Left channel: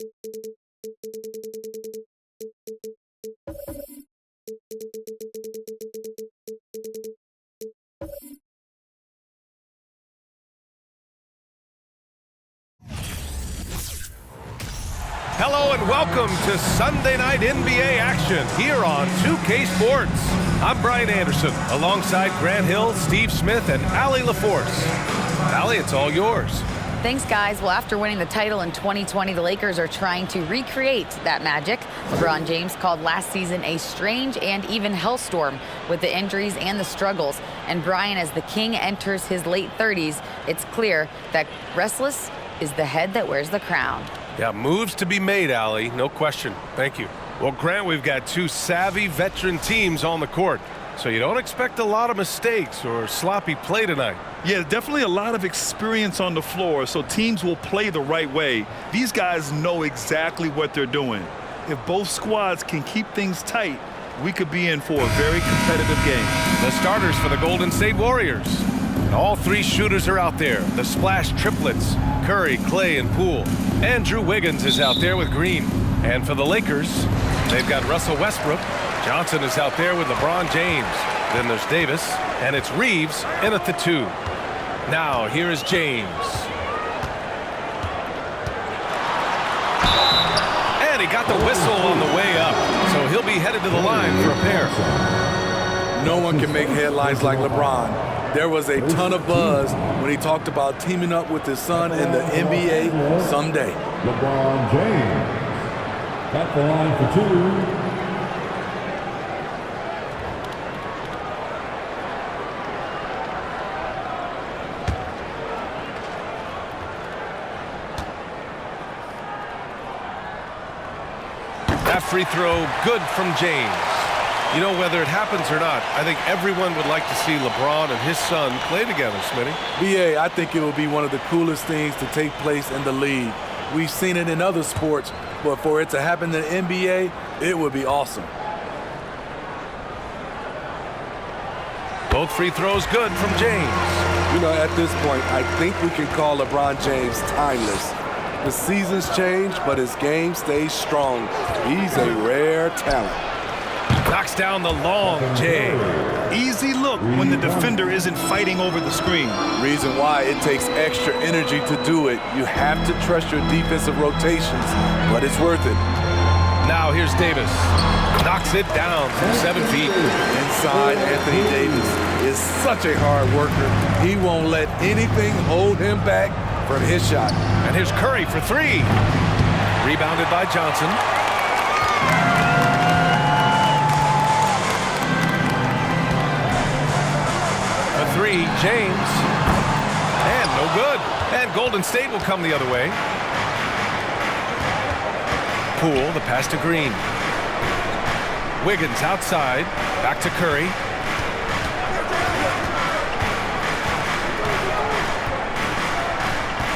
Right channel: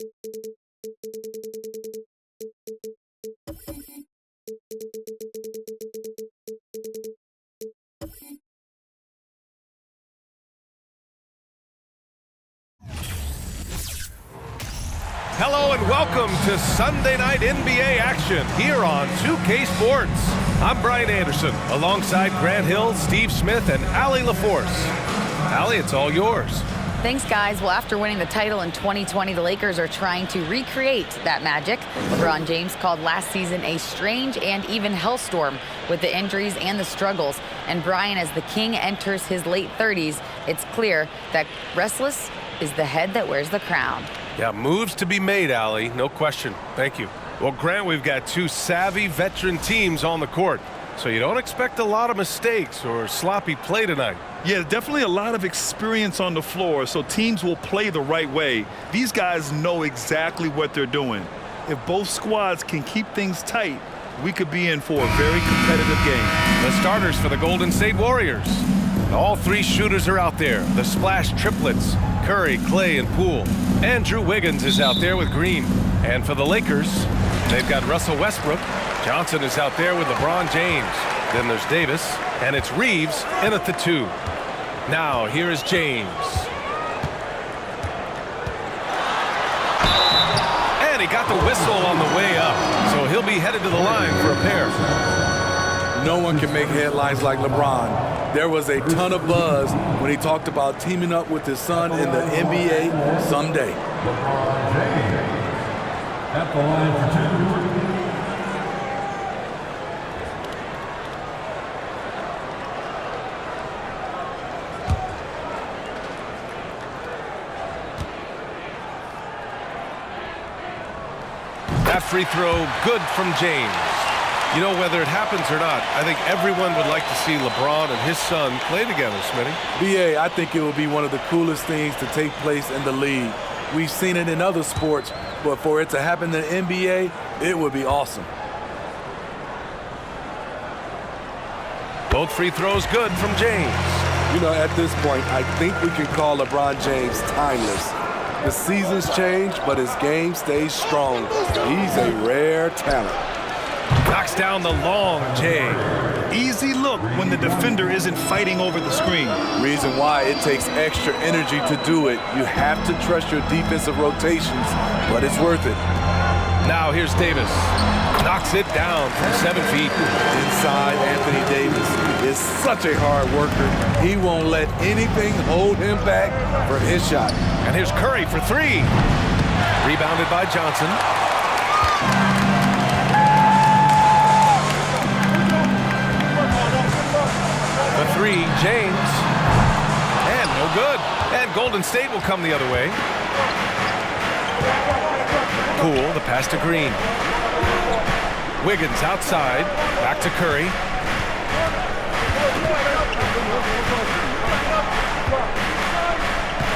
Hello and welcome to Sunday Night NBA action here on 2K Sports. I'm Brian Anderson, alongside Grant Hill, Steve Smith, and Allie LaForce. Allie, it's all yours. Thanks, guys. Well, after winning the title in 2020, the Lakers are trying to recreate that magic. LeBron James called last season a strange and even hellstorm with the injuries and the struggles. And Brian, as the king enters his late 30s, it's clear that restless is the head that wears the crown. Yeah, moves to be made, Allie. No question. Thank you. Well, Grant, we've got two savvy veteran teams on the court, so you don't expect a lot of mistakes or sloppy play tonight. Yeah, definitely a lot of experience on the floor, so teams will play the right way. These guys know exactly what they're doing. If both squads can keep things tight, we could be in for a very competitive game. The starters for the Golden State Warriors. All three shooters are out there. The splash triplets, Curry, Clay, and Poole. Andrew Wiggins is out there with Green. And for the Lakers, they've got Russell Westbrook. Johnson is out there with LeBron James. Then there's Davis, and it's Reeves in at the 2. Now, here is James. And he got the whistle on the way up, so he'll be headed to the line for a pair. No one can make headlines like LeBron. There was a ton of buzz when he talked about teaming up with his son in the NBA someday. LeBron James at the line for 2. That free throw good from James. You know, whether it happens or not, I think everyone would like to see LeBron and his son play together, Smitty. BA, I think it will be one of the coolest things to take place in the league. We've seen it in other sports, but for it to happen in the NBA, it would be awesome. Both free throws good from James. You know, at this point, I think we can call LeBron James timeless. The seasons change, but his game stays strong. He's a rare talent. Knocks down the long J. Easy look when the defender isn't fighting over the screen. Reason why it takes extra energy to do it. You have to trust your defensive rotations, but it's worth it. Now here's Davis. Knocks it down from 7 feet. Inside, Anthony Davis is such a hard worker. He won't let anything hold him back from his shot. And here's Curry for 3. Rebounded by Johnson. The 3, James. And no good. And Golden State will come the other way. Poole, the pass to Green. Wiggins outside. Back to Curry.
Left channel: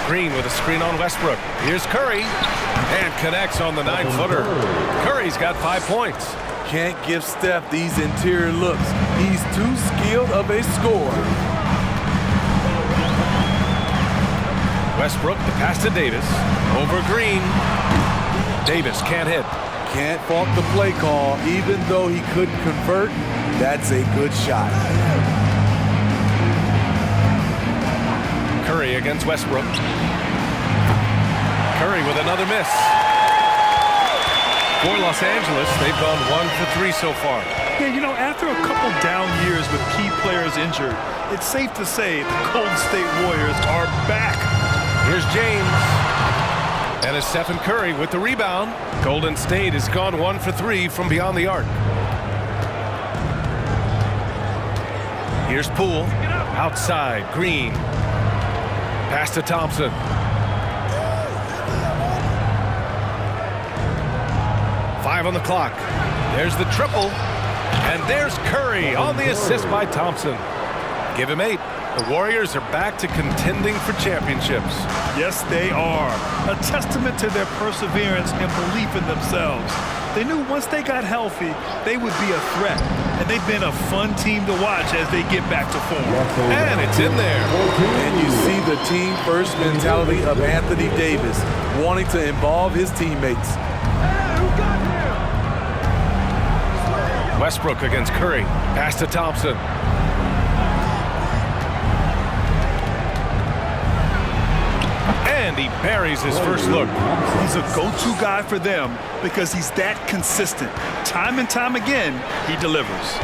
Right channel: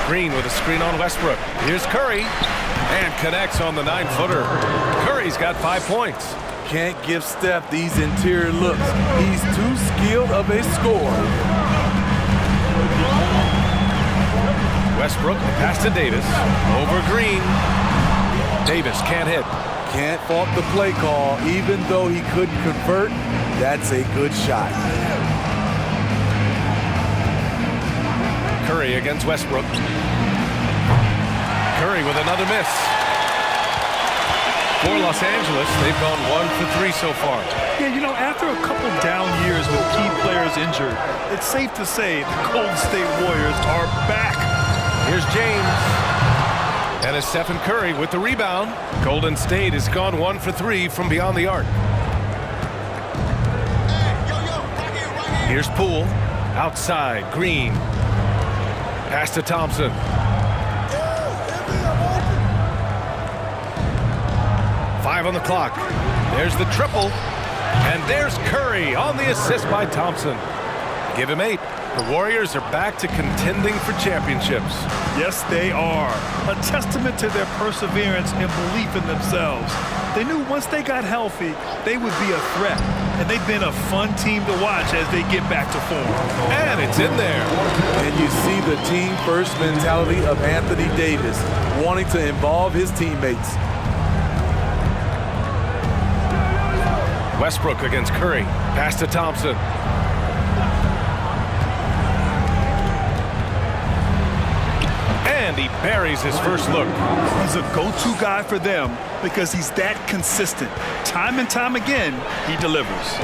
Green with a screen on Westbrook. Here's Curry. And connects on the 9-footer. Curry's got 5 points. Can't give Steph these interior looks. He's too skilled of a scorer. Westbrook, the pass to Davis. Over Green. Davis can't hit. Can't fault the play call. Even though he couldn't convert, that's a good shot. Curry against Westbrook. Curry with another miss. For Los Angeles, they've gone 1 for 3 so far. Yeah, you know, after a couple down years with key players injured, it's safe to say the Golden State Warriors are back. Here's James. And it's Stephen Curry with the rebound. Golden State has gone 1 for 3 from beyond the arc. Here's Poole. Outside, Green. Pass to Thompson. Five on the clock. There's the triple. And there's Curry on the assist by Thompson. Give him 8. The Warriors are back to contending for championships. Yes, they are. A testament to their perseverance and belief in themselves. They knew once they got healthy, they would be a threat. and they've been a fun team to watch as they get back to form. And it's in there. And you see the team-first mentality of Anthony Davis, wanting to involve his teammates. Westbrook against Curry. Pass to Thompson. And he buries his first look. He's a go-to guy for them because he's that consistent. Time and time again, he delivers.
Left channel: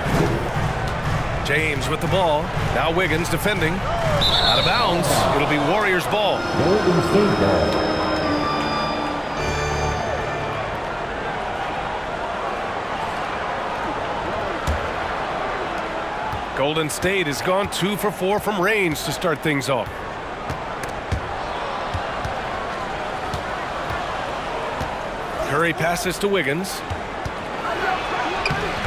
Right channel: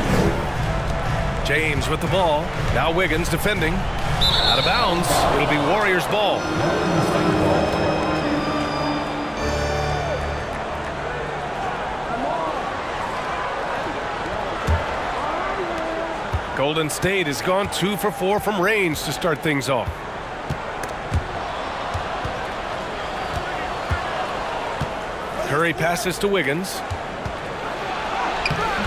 James with the ball. Now Wiggins defending. Out of bounds. It'll be Warriors ball. Golden State ball. Golden State has gone 2 for 4 from range to start things off. Curry passes to Wiggins.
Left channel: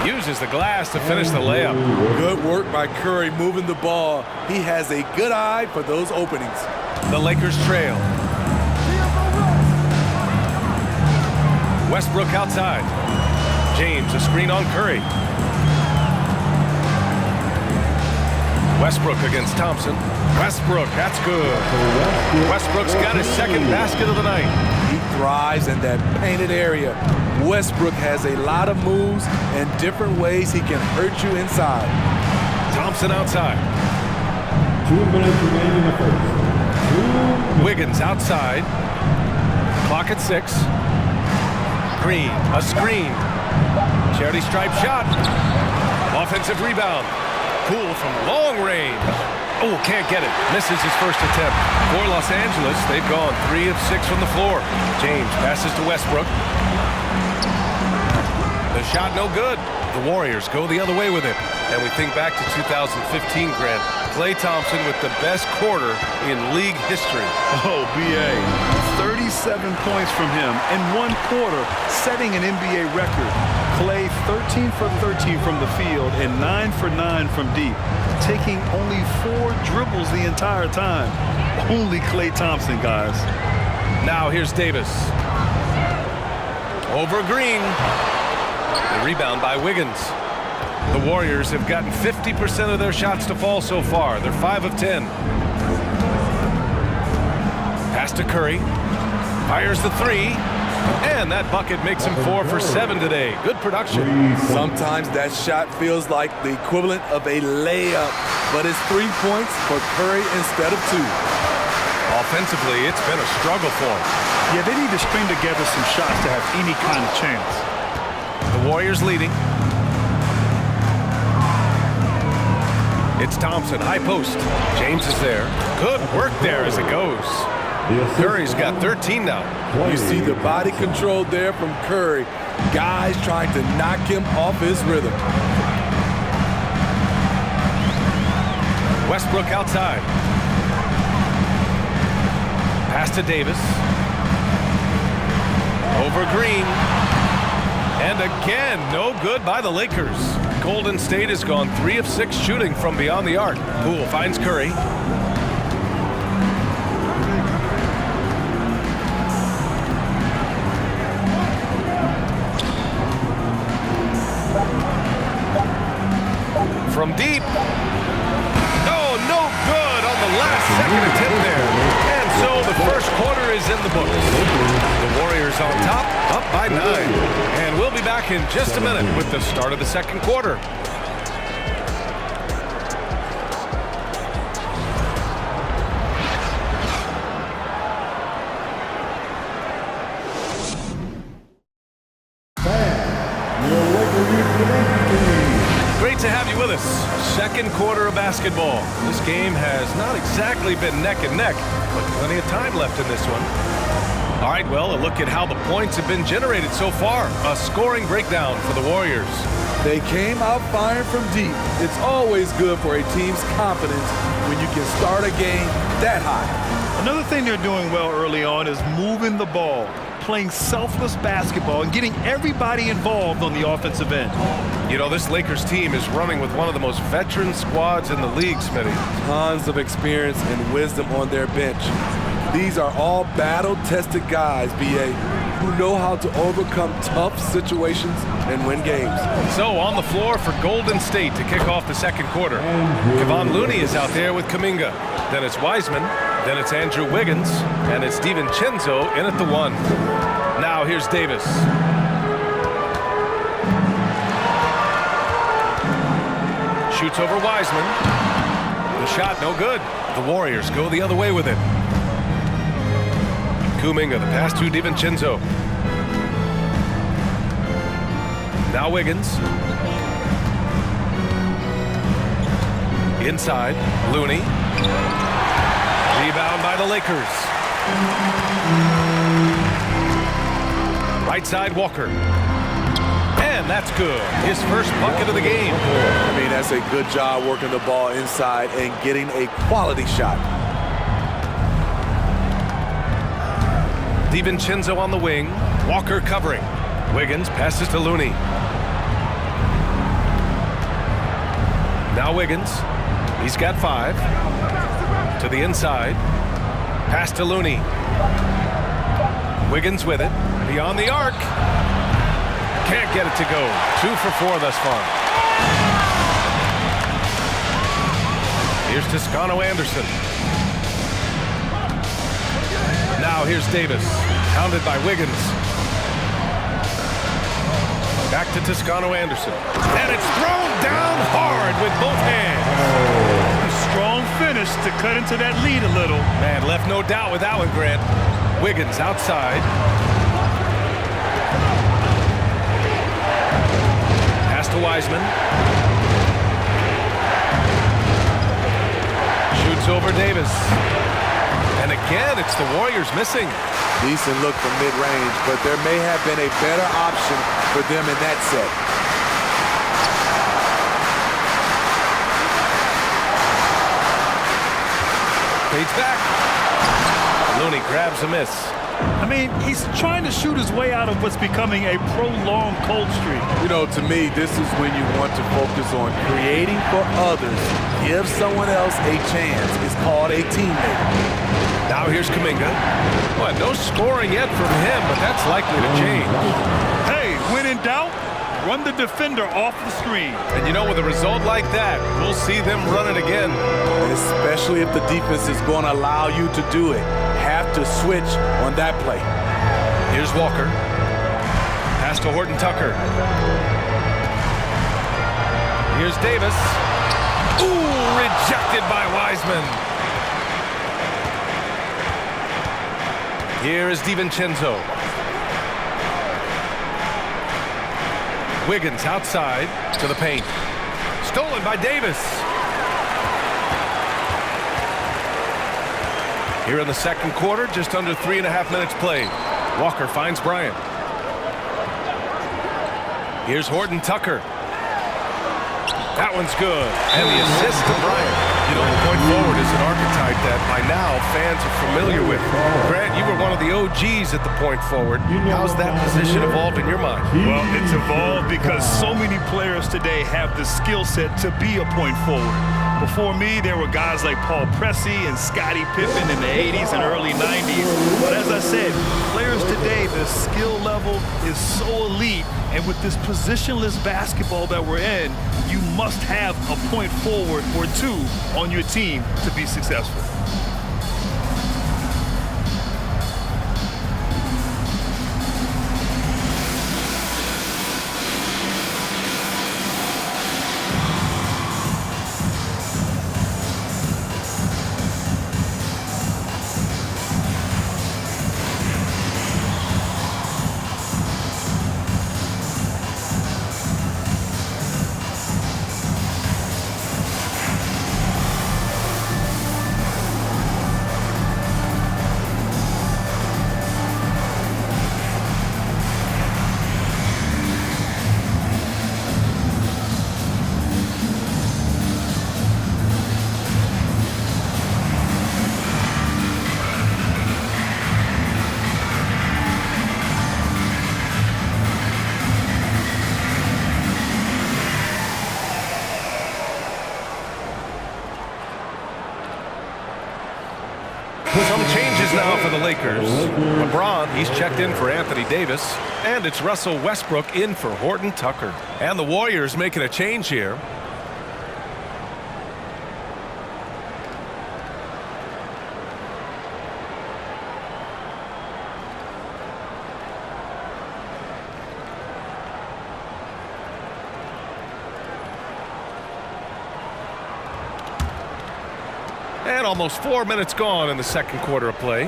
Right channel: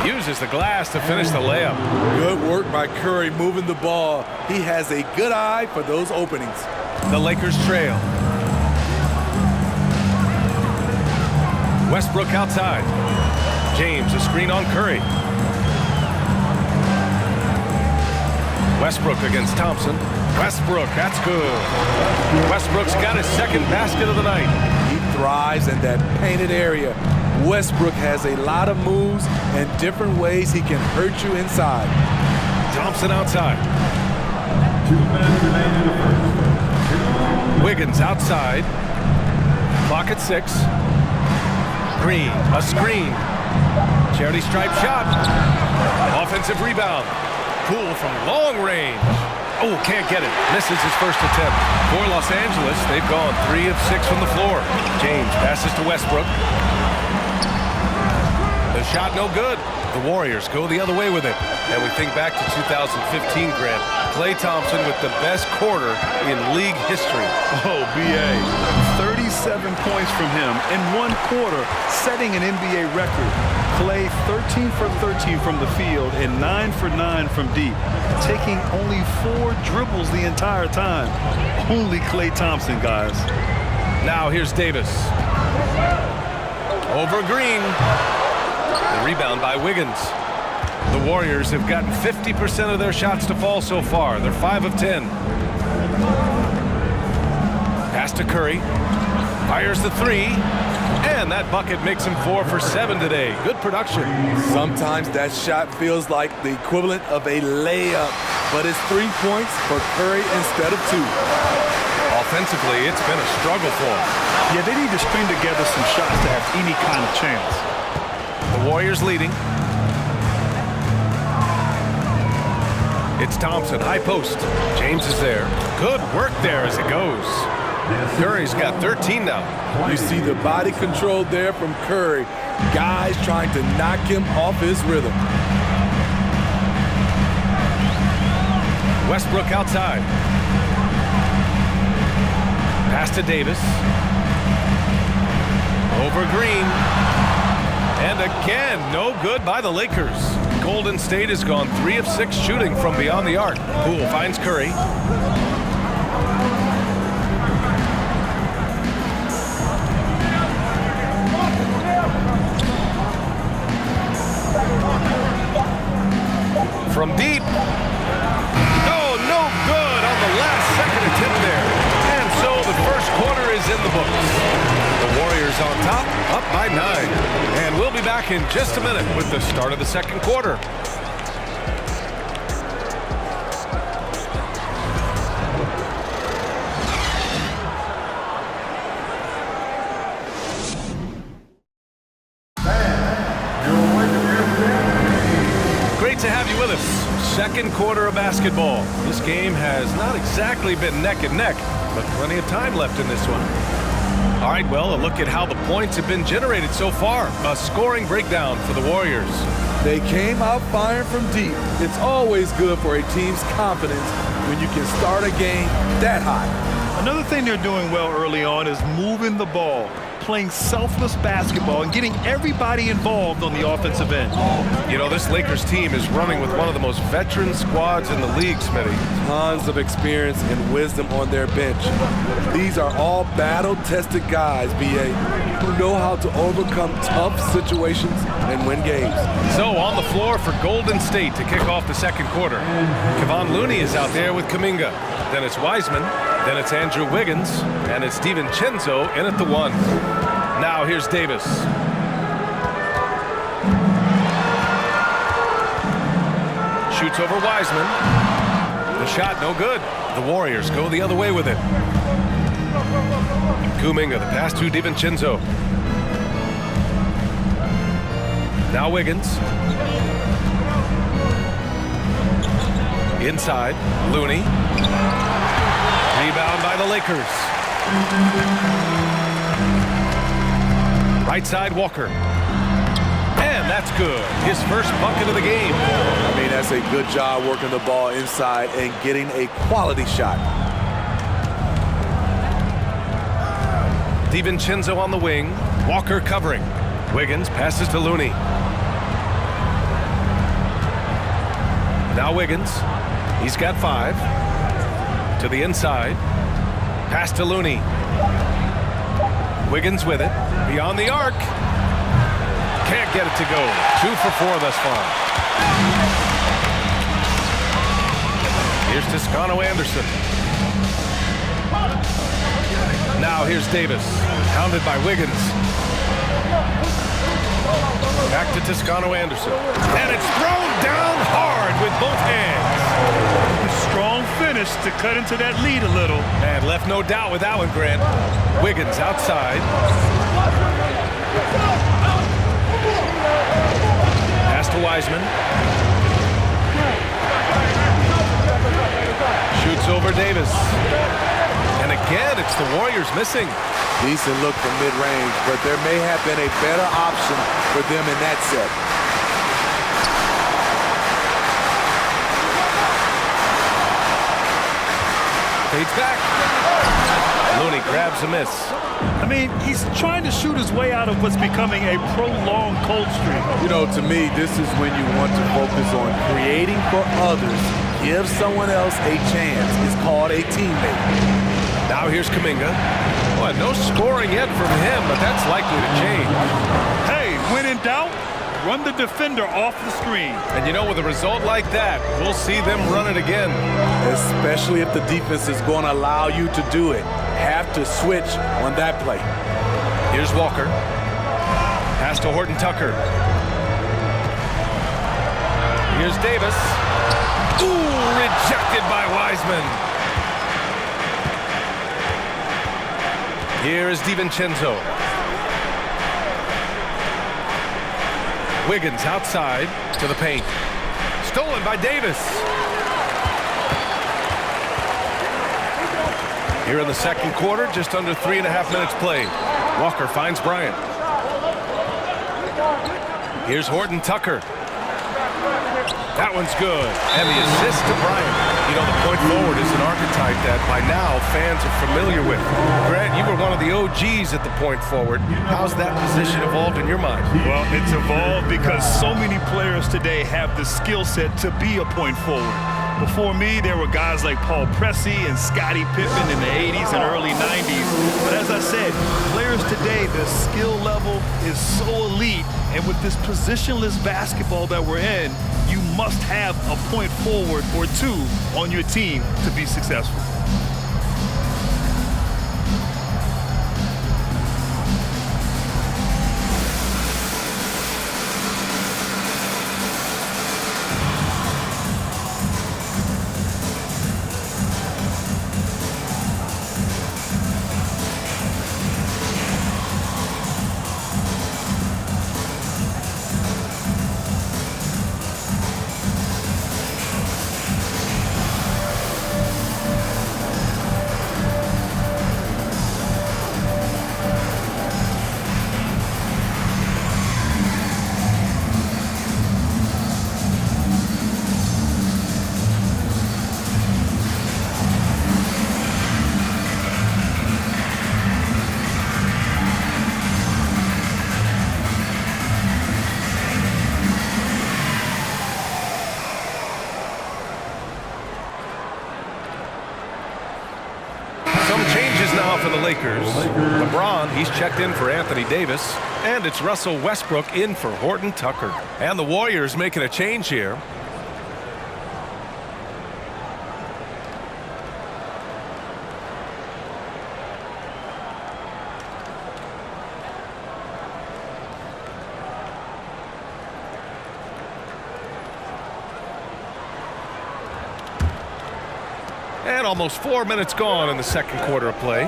Uses the glass to finish the layup. Good work by Curry moving the ball. He has a good eye for those openings. The Lakers trail. Westbrook outside. James a screen on Curry. Westbrook against Thompson. Westbrook, that's good. Westbrook's got his second basket of the night. He thrives in that painted area. Westbrook has a lot of moves and different ways he can hurt you inside. Thompson outside. 2 minutes remaining in the first. 2 minutes. Wiggins outside. Clock at 6. Green, a screen. Charity stripe shot. Offensive rebound. Poole from long range. Oh, can't get it. Misses his first attempt. For Los Angeles, they've gone 3 of 6 from the floor. James passes to Westbrook. The shot no good. The Warriors go the other way with it. And we think back to 2015, Grant. Klay Thompson with the best quarter in league history. Oh, B.A. 37 points from him in one quarter, setting an NBA record. Klay 13 for 13 from the field and 9 for 9 from deep, taking only 4 dribbles the entire time. Only Klay Thompson, guys. Now here's Davis. Over Green. The rebound by Wiggins. The Warriors have gotten 50% of their shots to fall so far. They're 5 of 10. Pass to Curry. Fires the 3. And that bucket makes him 4 for 7 today. Good production. Sometimes that shot feels like the equivalent of a layup, but it's 3 points for Curry instead of 2. Offensively, it's been a struggle for him. Yeah, they need to string together some shots to have any kind of chance. The Warriors leading. It's Thompson, high post. James is there. Good work there as it goes. Curry's got 13 now. You see the body control there from Curry. Guys trying to knock him off his rhythm. Westbrook outside. Pass to Davis. Over Green. And again, no good by the Lakers. Golden State has gone 3 of 6 shooting from beyond the arc. Poole finds Curry. From deep. Oh, no good on the last second attempt there. And so the first quarter is in the books. The Warriors on top, up by 9. And we'll be back in just a minute with the start of the second quarter. Great to have you with us. Second quarter of basketball. This game has not exactly been neck and neck, but plenty of time left in this one. All right, well, a look at how the points have been generated so far. A scoring breakdown for the Warriors. They came out firing from deep. It's always good for a team's confidence when you can start a game that high. Another thing they're doing well early on is moving the ball, playing selfless basketball, and getting everybody involved on the offensive end. You know, this Lakers team is running with one of the most veteran squads in the league, Smitty. Tons of experience and wisdom on their bench. These are all battle-tested guys, B.A. who know how to overcome tough situations and win games. So on the floor for Golden State to kick off the second quarter. Kevon Looney is out there with Kuminga. Then it's Wiseman. Then it's Andrew Wiggins. And it's DiVincenzo in at the 1. Now here's Davis. Shoots over Wiseman. The shot no good. The Warriors go the other way with it. Kuminga, the pass to DiVincenzo. Now Wiggins. Inside, Looney. Rebound by the Lakers. Right side, Walker. And that's good. His first bucket of the game. I mean, that's a good job working the ball inside and getting a quality shot. DiVincenzo on the wing. Walker covering. Wiggins passes to Looney. Now Wiggins. He's got 5. To the inside. Pass to Looney. Wiggins with it. Beyond the arc. Can't get it to go. 2 for 4 thus far. Here's Toscano Anderson. Now here's Davis. Hounded by Wiggins. Back to Toscano Anderson. And it's thrown down hard with both hands. A strong finish to cut into that lead a little. Man, left no doubt with that one, Grant. Wiggins outside. Pass to Wiseman. Shoots over Davis. And again, it's the Warriors missing. Decent look from mid-range, but there may have been a better option for them in that set. Fades back. Looney grabs a miss. I mean, he's trying to shoot his way out of what's becoming a prolonged cold streak. You know, to me, this is when you want to focus on creating for others. Give someone else a chance. It's called a teammate. Now here's Kuminga. Well, no scoring yet from him, but that's likely to change. Hey, when in doubt, run the defender off the screen. And you know, with a result like that, we'll see them run it again. Especially if the defense is going to allow you to do it. Have to switch on that play. Here's Walker. Pass to Horton Tucker. Here's Davis. Ooh, rejected by Wiseman. Here is DiVincenzo. Wiggins outside to the paint. Stolen by Davis. Here in the second quarter, just under 3.5 minutes played. Walker finds Bryant. Here's Horton Tucker. That one's good. And the assist to Bryant. You know, the point forward is an archetype that by now fans are familiar with. Grant, you were one of the OGs at the point forward. How's that position evolved in your mind? Well, it's evolved because so many players today have the skill set to be a point forward. Before me, there were guys like Paul Pressey and Scottie Pippen in the 80s and early 90s. But as I said, players today, the skill level is so elite. And with this positionless basketball that we're in, you must have a point forward or two on your team to be successful. Some changes now for the Lakers. LeBron, he's checked in for Anthony Davis. And it's Russell Westbrook in for Horton Tucker. And the Warriors making a change here. And almost 4 minutes gone in the second quarter of play.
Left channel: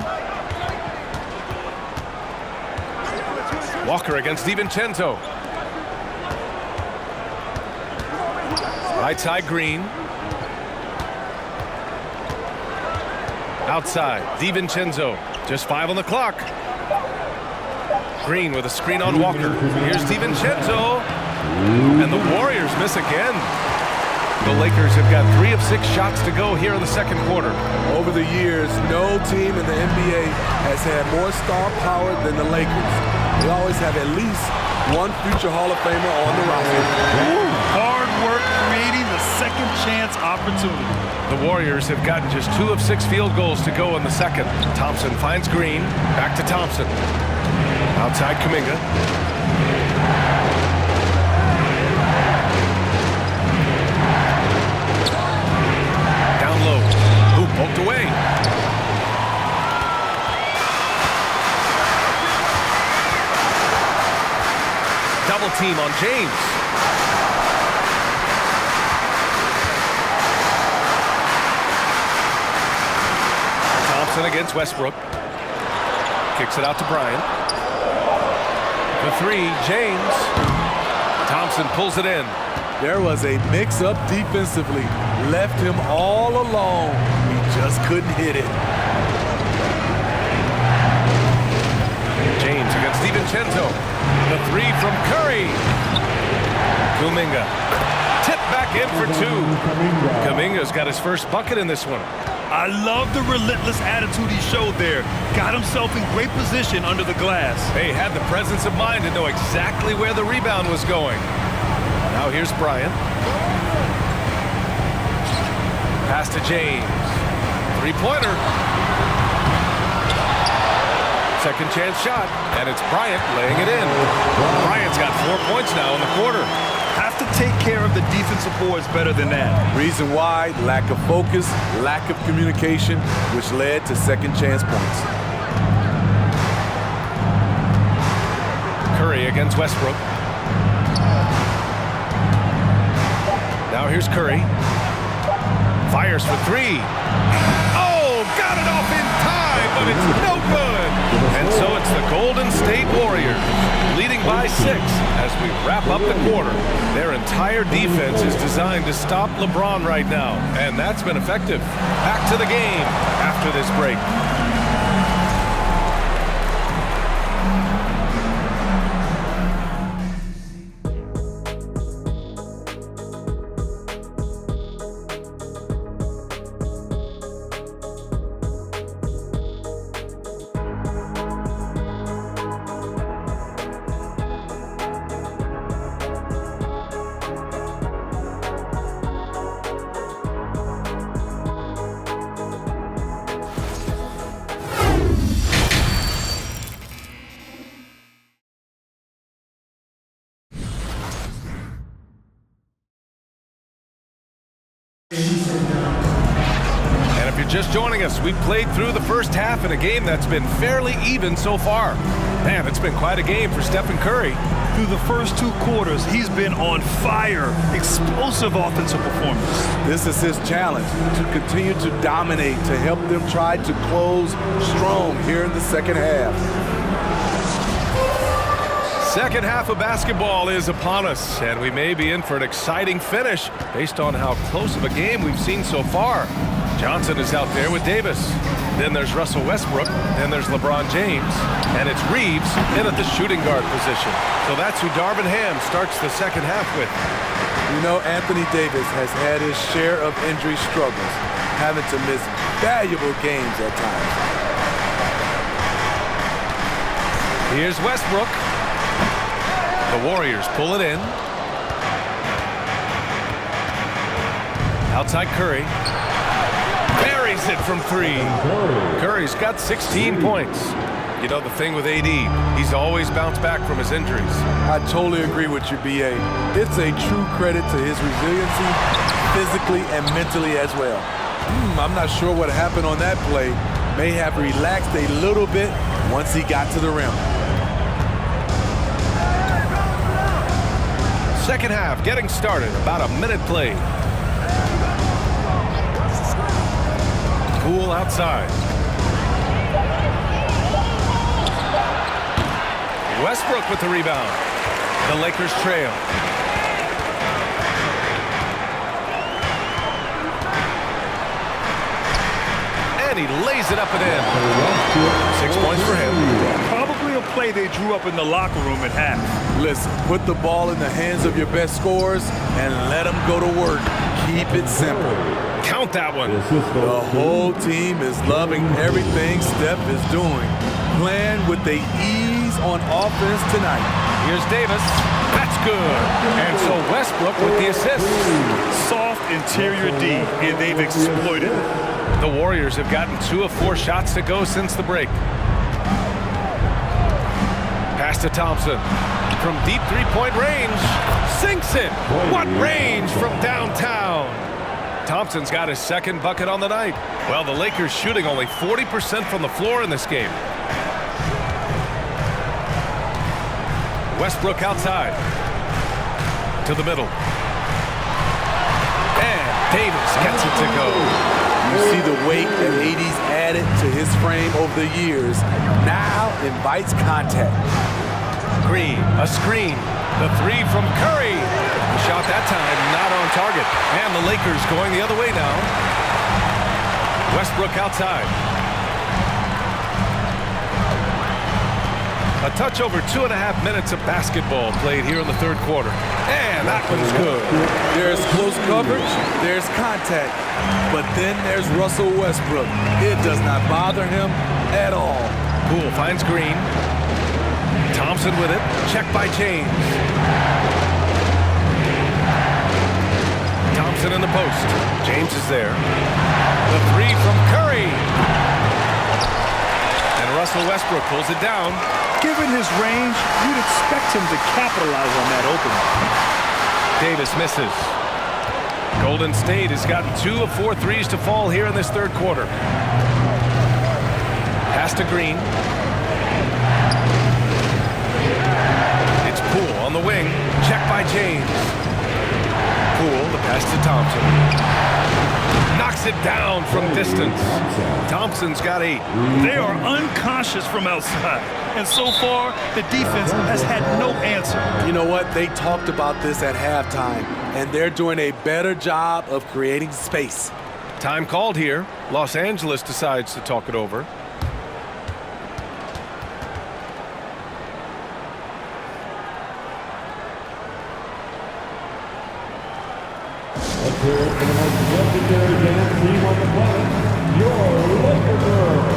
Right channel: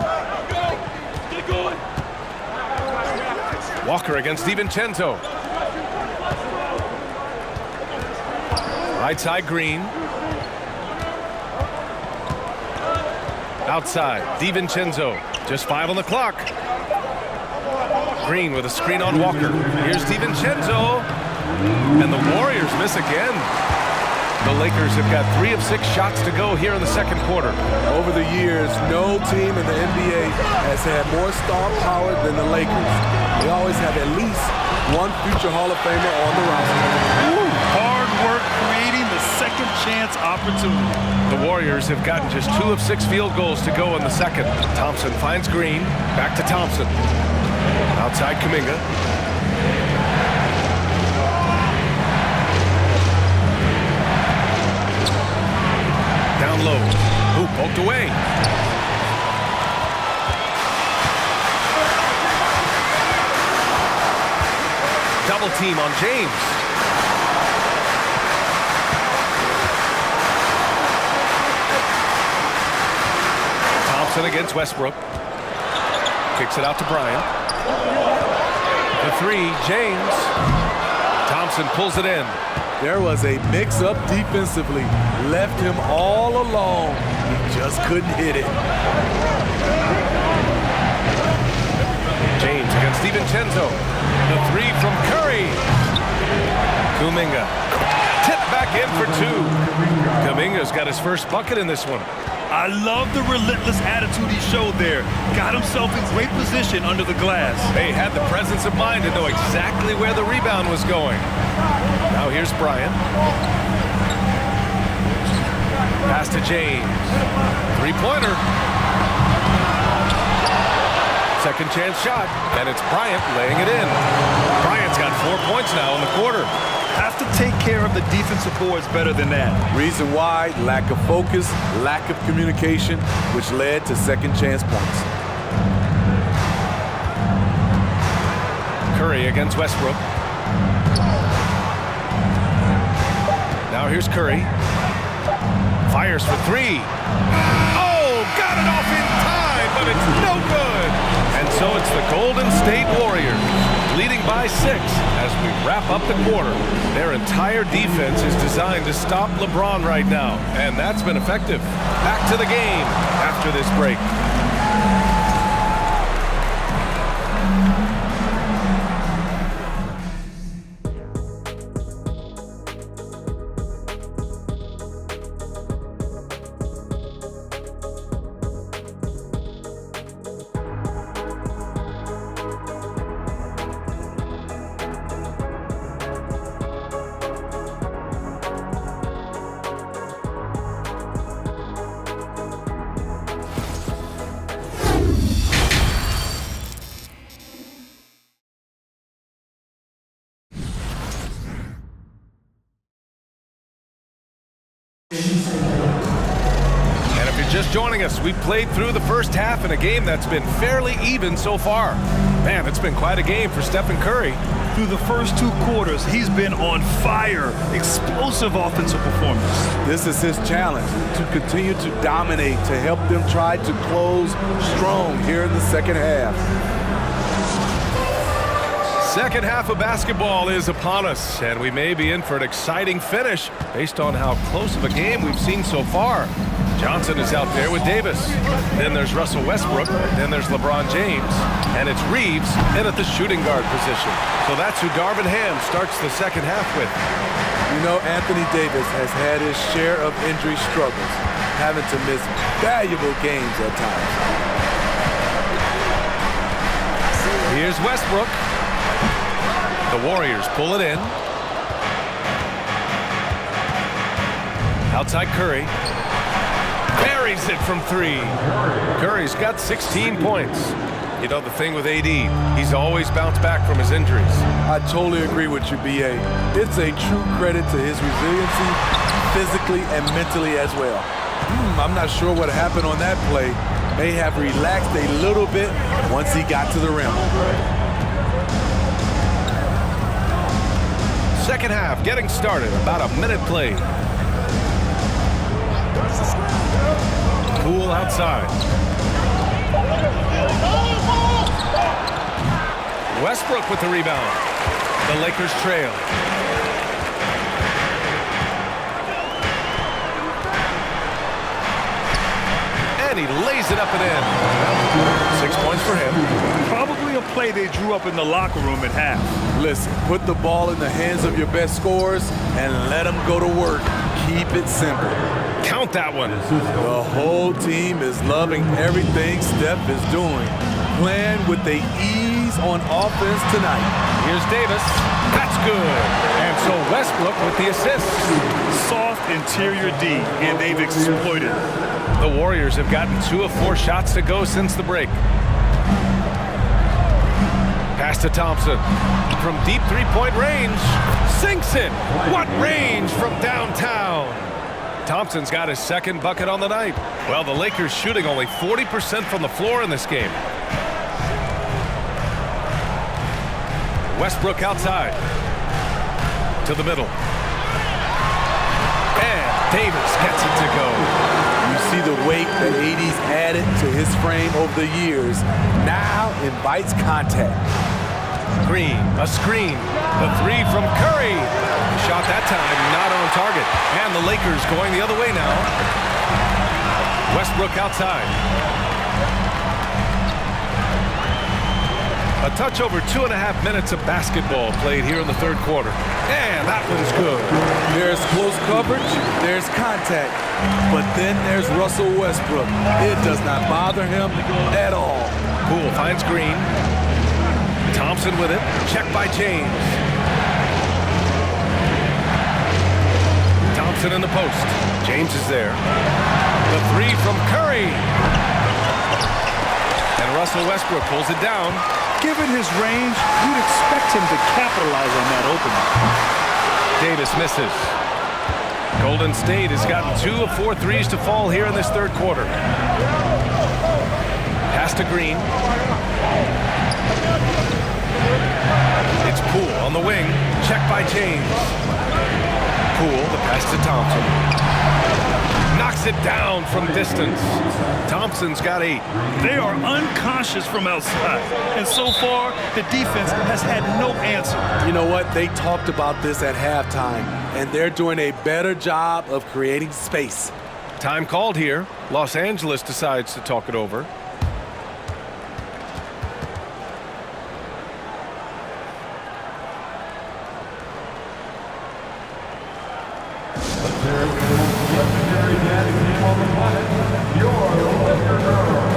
Walker against DiVincenzo. Right side, Green. Outside, DiVincenzo. Just 5 on the clock. Green with a screen on Walker. Here's DiVincenzo. And the Warriors miss again. The Lakers have got 3 of 6 shots to go here in the second quarter. Over the years, no team in the NBA has had more star power than the Lakers. They always have at least one future Hall of Famer on the roster. Hard work creating the second chance opportunity. The Warriors have gotten just 2 of 6 field goals to go in the second. Thompson finds Green. Back to Thompson. Outside Kuminga. Down low. Who poked away? Double team on James. Thompson against Westbrook. Kicks it out to Bryant. The 3, James. Thompson pulls it in. There was a mix-up defensively. Left him all alone. He just couldn't hit it. James against DiVincenzo. The 3 from Curry. Kuminga. Tip back in for 2. Kuminga's got his first bucket in this one. I love the relentless attitude he showed there. Got himself in great position under the glass. He had the presence of mind to know exactly where the rebound was going. Now here's Bryant. Pass to James. 3-pointer. Second chance shot, and it's Bryant laying it in. Bryant's got 4 points now in the quarter. Have to take care of the defensive boards better than that. Reason why, lack of focus, lack of communication, which led to second chance points. Curry against Westbrook. Now here's Curry. Fires for 3. Oh, got it off in time, but it's no good. And so it's the Golden State Warriors leading by 6 as we wrap up the quarter. Their entire defense is designed to stop LeBron right now, and that's been effective. Back to the game after this break. And if you're just joining us, we've played through the first half in a game that's been fairly even so far. Man, it's been quite a game for Stephen Curry. Through the first 2 quarters, he's been on fire. Explosive offensive performance. This is his challenge, to continue to dominate, to help them try to close strong here in the second half. Second half of basketball is upon us, and we may be in for an exciting finish based on how close of a game we've seen so far. Johnson is out there with Davis. Then there's Russell Westbrook. Then there's LeBron James. And it's Reeves in at the shooting guard position. So that's who Darvin Ham starts the second half with. You know, Anthony Davis has had his share of injury struggles, having to miss valuable games at times. Here's Westbrook. The Warriors pull it in. Outside Curry. There buries it from 3. Curry's got 16 points. You know, the thing with AD, he's always bounced back from his injuries. I totally agree with you, B.A. It's a true credit to his resiliency, physically and mentally as well. I'm not sure what happened on that play. May have relaxed a little bit once he got to the rim. Second half getting started, about a minute played. Poole outside. Westbrook with the rebound. The Lakers trail. And he lays it up and in. 6 points for him. Probably a play they drew up in the locker room at half. Listen, put the ball in the hands of your best scorers and let them go to work. Keep it simple. Count that one. The whole team is loving everything Steph is doing. Playing with the ease on offense tonight. Here's Davis. That's good. And so Westbrook with the assist. Soft interior D, and they've exploited it. The Warriors have gotten 2 of 4 shots to go since the break. Pass to Thompson. From deep three-point range. Sinks it. What range from downtown. Thompson's got his second bucket on the night. Well, the Lakers shooting only 40% from the floor in this game. Westbrook outside. To the middle. And Davis gets it to go. You see the weight that AD's added to his frame over the years. Now invites contact. Green, a screen. The 3 from Curry. The shot that time not on target. And the Lakers going the other way now. Westbrook outside. A touch over 2.5 minutes of basketball played here in the third quarter. And that one's good. There's close coverage, there's contact, but then there's Russell Westbrook. It does not bother him at all. Poole finds Green. Thompson with it. Check by James. Thompson in the post. James is there. The 3 from Curry. And Russell Westbrook pulls it down. Given his range, you'd expect him to capitalize on that opening. Davis misses. Golden State has gotten 2 of 4 threes to fall here in this third quarter. Pass to Green. It's Poole on the wing. Check by James. Poole, the pass to Thompson. Knocks it down from distance. Thompson's got 8. They are unconscious from outside, and so far, the defense has had no answer. You know what? They talked about this at halftime, and they're doing a better job of creating space. Time called here. Los Angeles decides to talk it over. Here for the most legendary dance team on the planet, your Laker Girls.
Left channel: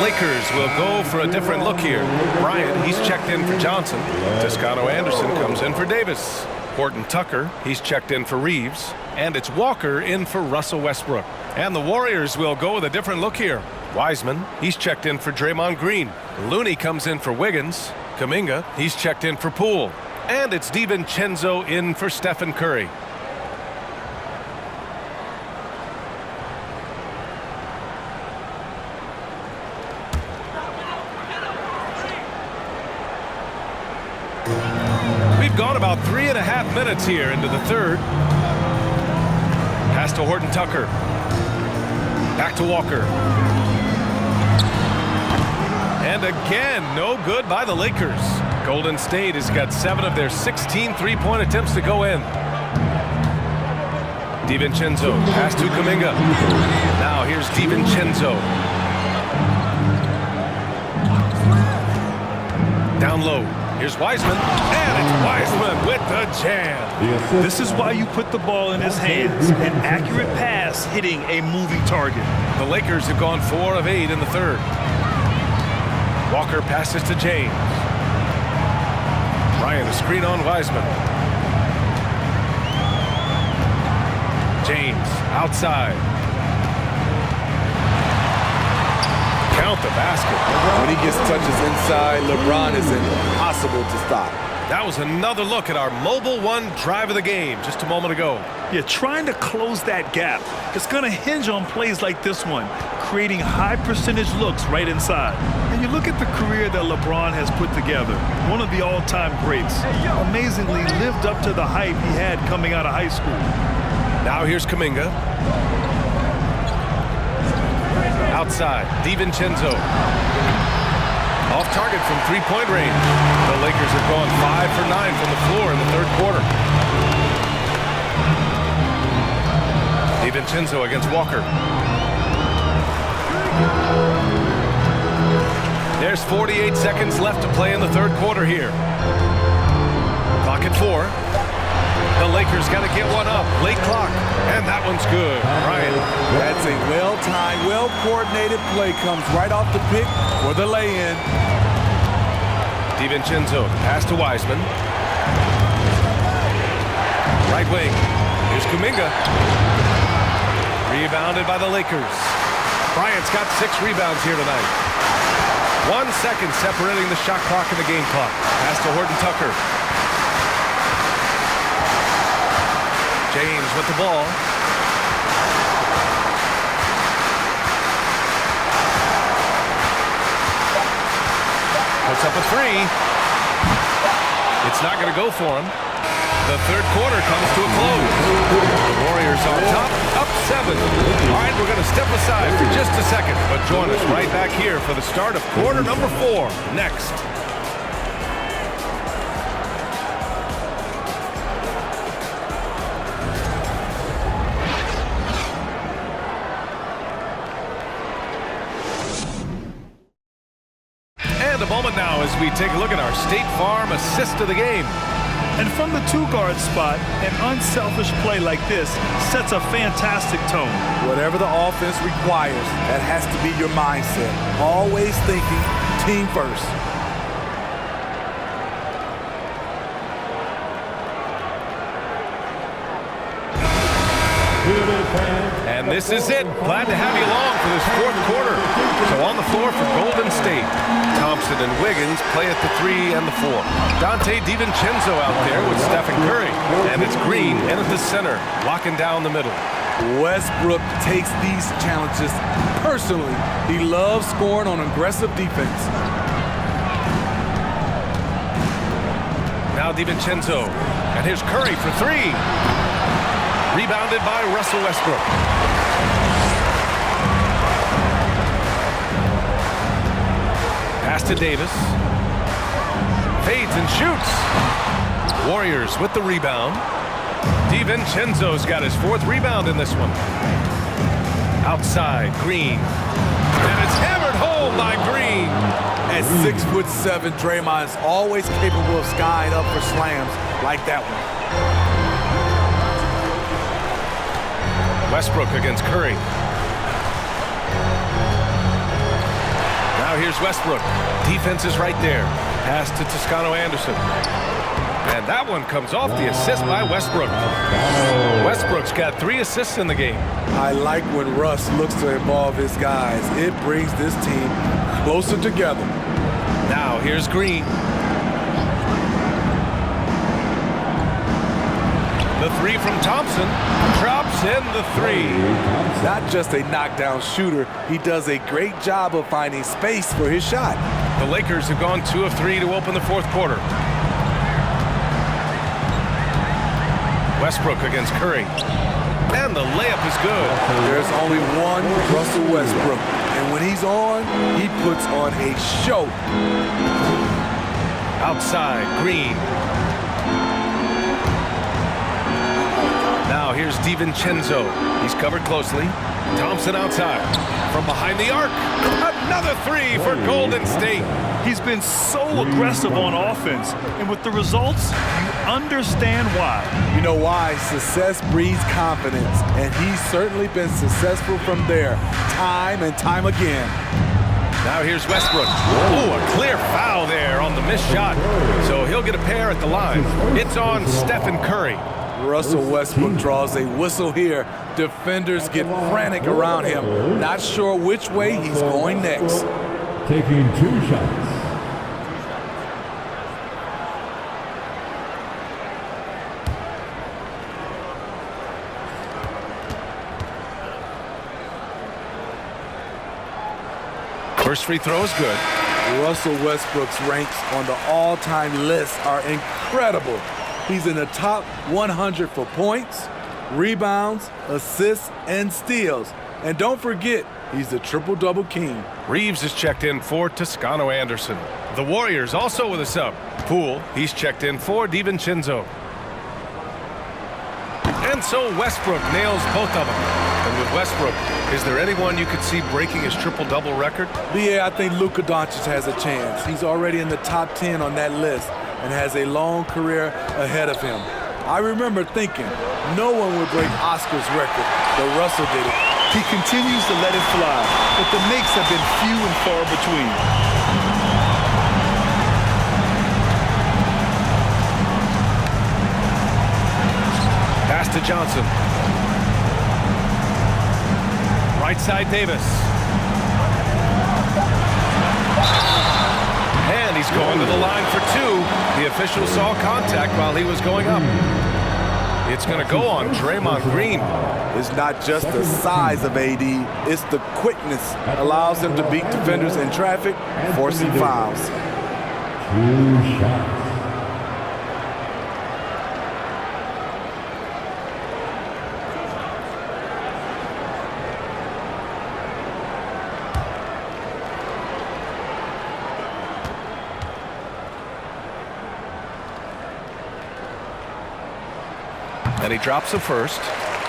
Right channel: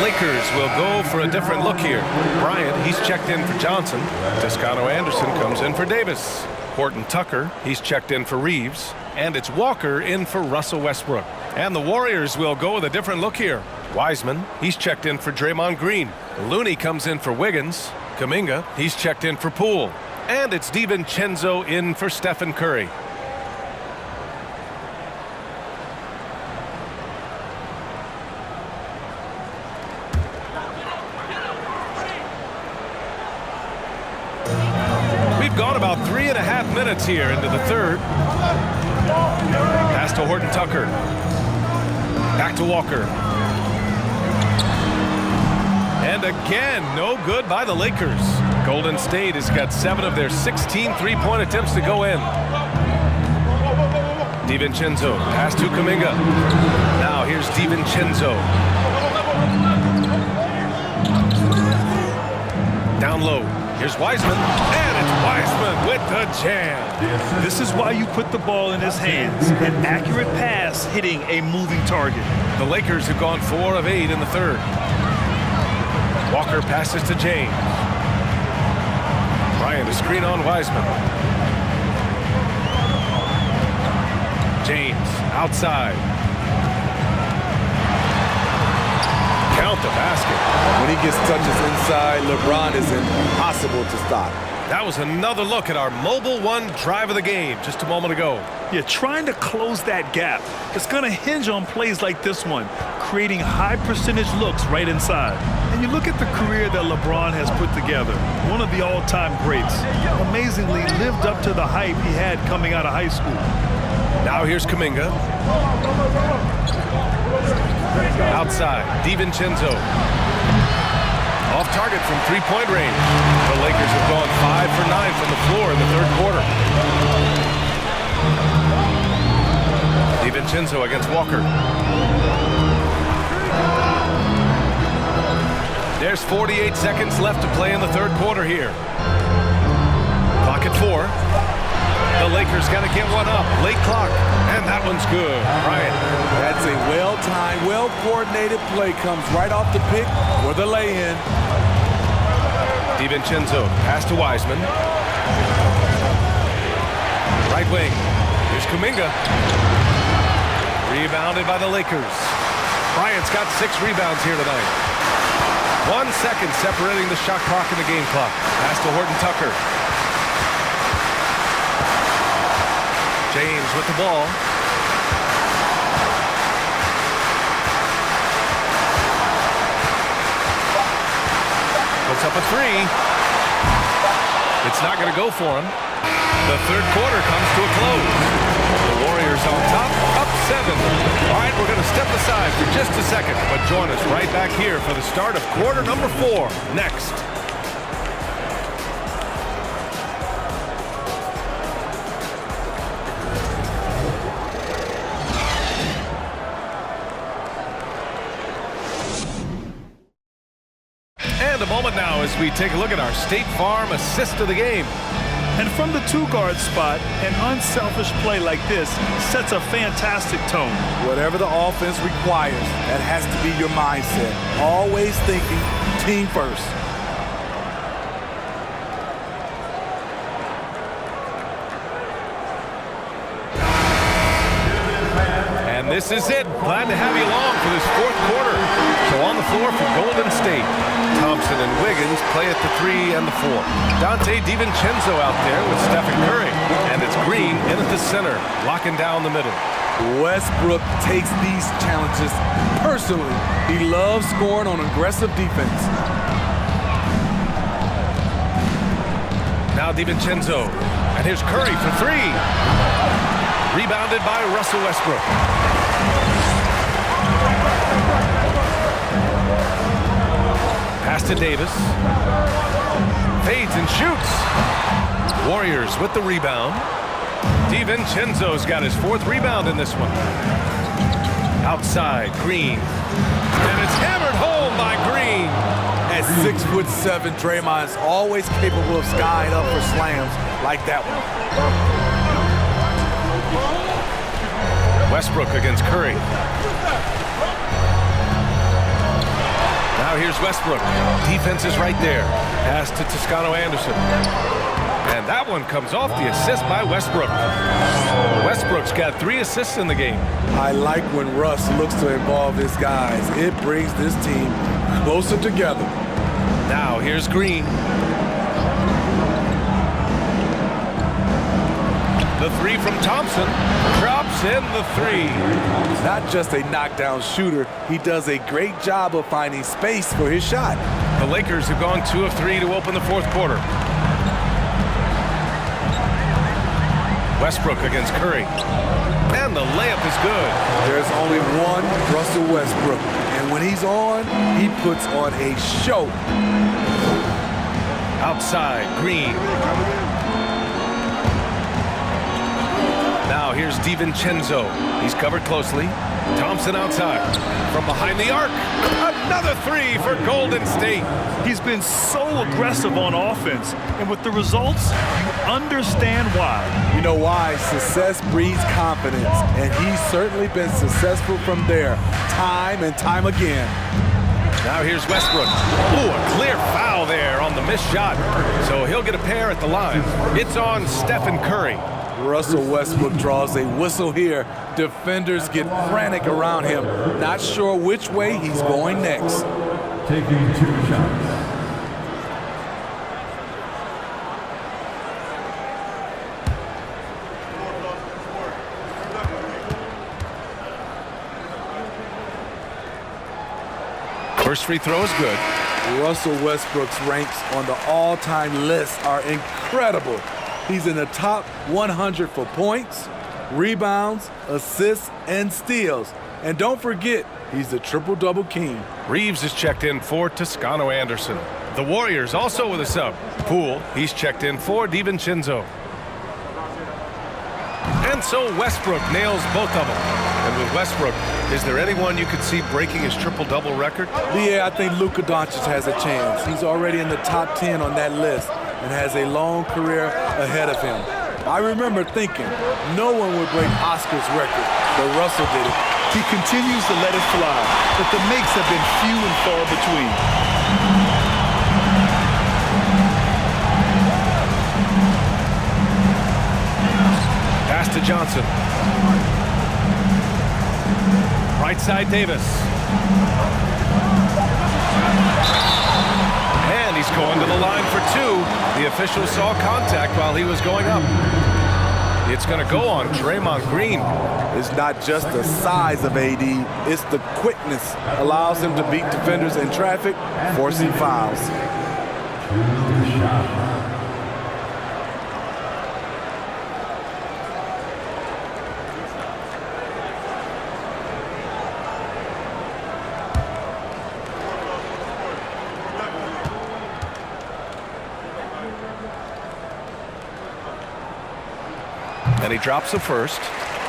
Lakers will go for a different look here. Bryant, he's checked in for Johnson. Toscano Anderson comes in for Davis. Horton Tucker, he's checked in for Reeves. And it's Walker in for Russell Westbrook. And the Warriors will go with a different look here. Wiseman, he's checked in for Draymond Green. Looney comes in for Wiggins. Kuminga, he's checked in for Poole. And it's DiVincenzo in for Stephen Curry. We've gone about 3.5 minutes here into the third. Pass to Horton Tucker. Back to Walker. And again, no good by the Lakers. Golden State has got 7 of their 16 three-point attempts to go in. DiVincenzo, pass to Kuminga. Now here's DiVincenzo. Down low. Here's Wiseman, and it's Wiseman with the jam. This is why you put the ball in his hands. An accurate pass hitting a moving target. The Lakers have gone 4 of 8 in the third. Walker passes to James. Bryant, a screen on Wiseman. James outside. Count the basket. When he gets touches inside, LeBron is impossible to stop. That was another look at our Mobile One drive of the game just a moment ago. Yeah, trying to close that gap. It's going to hinge on plays like this one, creating high percentage looks right inside. And you look at the career that LeBron has put together, one of the all-time greats. Amazingly lived up to the hype he had coming out of high school. Now here's Kuminga. Outside, DiVincenzo. Off target from three-point range. The Lakers have gone 5 for 9 from the floor in the third quarter. DiVincenzo against Walker. There's 48 seconds left to play in the third quarter here. Clock at 4. The Lakers got to get one up. Late clock. And that one's good. Bryant. That's a well-timed, well-coordinated play. Comes right off the pick for the lay-in. DiVincenzo, pass to Wiseman. Right wing. Here's Kuminga. Rebounded by the Lakers. Bryant's got 6 rebounds here tonight. 1 second separating the shot clock and the game clock. Pass to Horton Tucker. James with the ball. Puts up a 3. It's not going to go for him. The third quarter comes to a close. The Warriors on top, up 7. All right, we're going to step aside for just a second, but join us right back here for the start of quarter number 4 next. And a moment now as we take a look at our State Farm assist of the game. And from the 2-guard spot, an unselfish play like this sets a fantastic tone. Whatever the offense requires, that has to be your mindset. Always thinking team first. And this is it. Glad to have you along for this fourth quarter. So on the floor for Golden State, Thompson and Wiggins play at the 3 and the 4. Dante DiVincenzo out there with Stephen Curry. And it's Green in at the center, locking down the middle. Westbrook takes these challenges personally. He loves scoring on aggressive defense. Now DiVincenzo. And here's Curry for 3. Rebounded by Russell Westbrook. Pass to Davis. Fades and shoots. Warriors with the rebound. DiVincenzo's got his 4th rebound in this one. Outside, Green. And it's hammered home by Green. At 6'7", Draymond's always capable of skying up for slams like that one. Westbrook against Curry. Now here's Westbrook. Defense is right there. Pass to Toscano Anderson. And that one comes off the assist by Westbrook. Westbrook's got 3 assists in the game. I like when Russ looks to involve his guys. It brings this team closer together. Now here's Green. The 3 from Thompson. Drops in the 3. Not just a knockdown shooter, he does a great job of finding space for his shot. The Lakers have gone 2 of 3 to open the 4th quarter. Westbrook against Curry. And the layup is good. There's only one Russell Westbrook, and when he's on, he puts on a show. Outside, Green. Now here's DiVincenzo. He's covered closely. Thompson outside. From behind the arc. Another 3 for Golden State. He's been so aggressive on offense, and with the results, you understand why. You know why? Success breeds confidence, and he's certainly been successful from there, time and time again. Now here's Westbrook. Ooh, a clear foul there on the missed shot. So he'll get a pair at the line. It's on Stephen Curry. Russell Westbrook draws a whistle here. Defenders get frantic around him, not sure which way he's going next. Taking 2 shots. First free throw is good. Russell Westbrook's ranks on the all-time list are incredible. He's in the top 100 for points, rebounds, assists, and steals. And don't forget, he's the triple-double king. Reeves is checked in for Toscano Anderson. The Warriors also with a sub. Poole, he's checked in for DiVincenzo. And so Westbrook nails both of them. And with Westbrook, is there anyone you could see breaking his triple-double record? Yeah, I think Luka Doncic has a chance. He's already in the top 10 on that list and has a long career ahead of him. I remember thinking no one would break Oscar's record, but Russell did it. He continues to let it fly, but the makes have been few and far between. Pass to Johnson. Right side, Davis. And he's going to the line for 2. The official saw contact while he was going up. It's going to go on Draymond Green. It's not just the size of AD, it's the quickness. Allows him to beat defenders in traffic, forcing fouls. 2 shots. And he drops the first.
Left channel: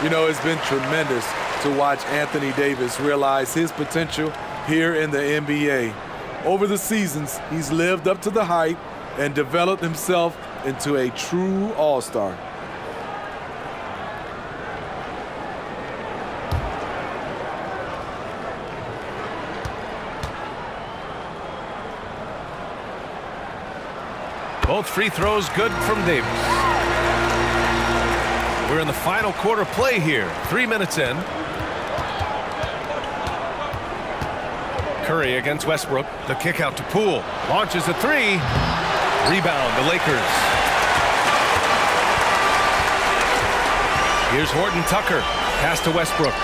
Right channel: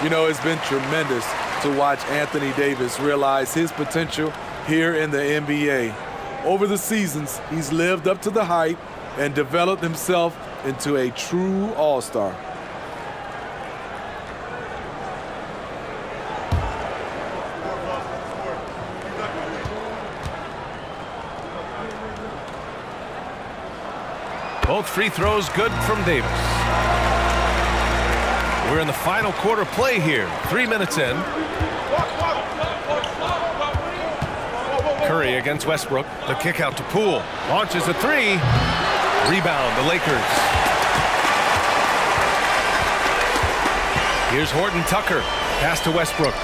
You know, it's been tremendous to watch Anthony Davis realize his potential here in the NBA. Over the seasons, he's lived up to the hype and developed himself into a true all-star. Both free throws good from Davis. We're in the final quarter play here. 3 minutes in. Curry against Westbrook. The kick out to Poole. Launches a 3. Rebound, the Lakers. Here's Horton Tucker. Pass to Westbrook.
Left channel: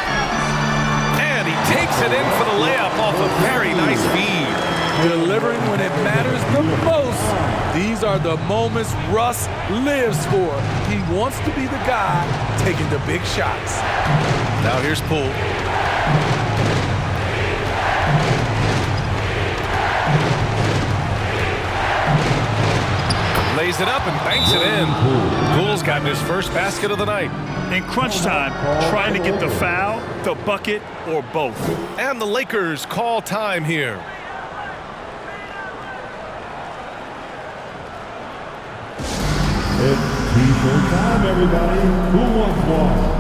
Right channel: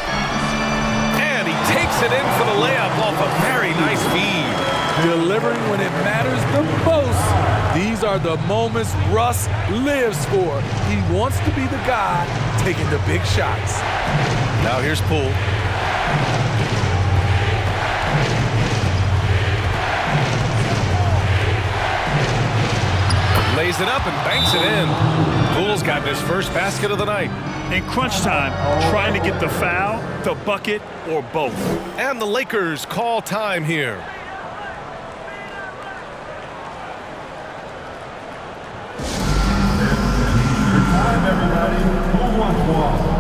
And he takes it in for the layup off a very nice feed. Delivering when it matters the most. These are the moments Russ lives for. He wants to be the guy taking the big shots. Now here's Poole. Lays it up and banks it in. Poole's gotten his first basket of the night. In crunch time, trying to get the foul, the bucket, or both. And the Lakers call time here. It's T-shirt time, everybody. Who wants one?